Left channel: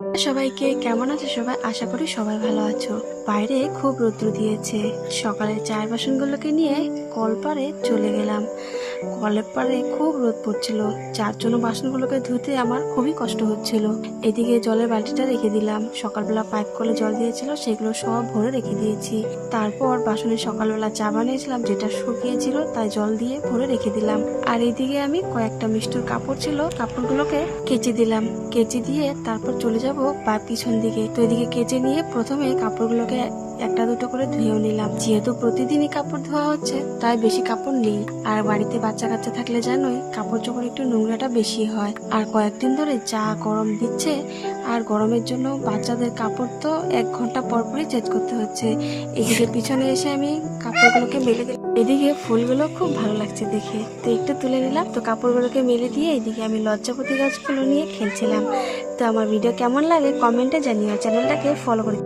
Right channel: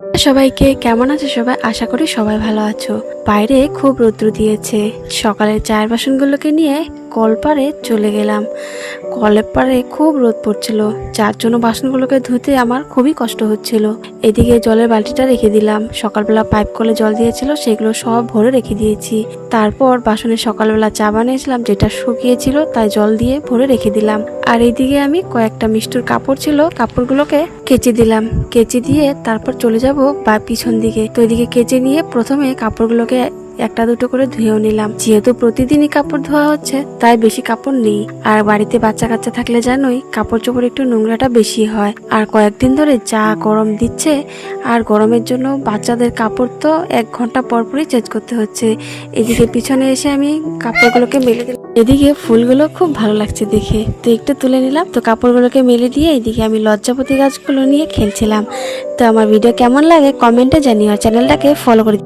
সবাইকে কেমন আছো সবাই? আশা করি সবাই ভালো আছো। বাইরে খুব রৌদ্র দিয়েছে। সকালের চায়ের বাসনগুলোকে নিয়ে কলপারে চলে গেলাম। কলের পারে খুব রোদ পড়ছিল, যার জন্য বাসনগুলোকে ধুতে আমার খুবই কষ্ট হচ্ছিল। এদিকে জলের বালতিটা রেখে দিলাম। সকালবেলা পাইপ কলে জল দিয়েছিল, সেগুলো সব ভরে রেখে দিয়েছি। তারপর বাসনে সকালবেলা চা বানিয়েছিলাম, যেটা শুকিয়েছিল তাই জল দিয়ে ভরে রেখে দিলাম। আর এইদিকে আমি কয়েকটা মিষ্টুর কাপড় ছিল, কাপড়গুলোকে কেচে দিলাম। কেচে দিয়ে তারপর চলে যাব বা পিছন দিকে। তো এদিকে কেচে নিয়ে প্রথমে কাপড়গুলোকে একটা দুটো করে ধুয়েও নিলাম। যেহেতু প্রতিদিনই কাপড় ধোয়া হচ্ছে তাই বেশি কাপড় নেই। আর বাড়িতে বাচ্চা কাচ্চা থাকলে জানোই কাপড় চোপড় একটু নোংরাটা বেশি হয়। আর কয়েকদিন ধরে যা গরম দিচ্ছে, আর গরমের জন্য বাচ্চাদের কাপড় তো 1 ঘন্টা পর পরই চেঞ্জ করতে হচ্ছে। এদিকে পিছনে এসে আমি কাপড়গুলোকে মেলে দিলাম। এদিকে ফুলগুলো খুব ভালো লাগছে দেখে, তো একটু তুলে নিলাম। তো কাপড়গুলোকে মেলে দিয়ে এদিকে আমি লজ্জাপতি গাছগুলো নিয়ে খেলছিলাম। তো আমার ভিডিও কেমন লাগে কমেন্টে জানিও, আর চ্যানেলটাকে ফলো করে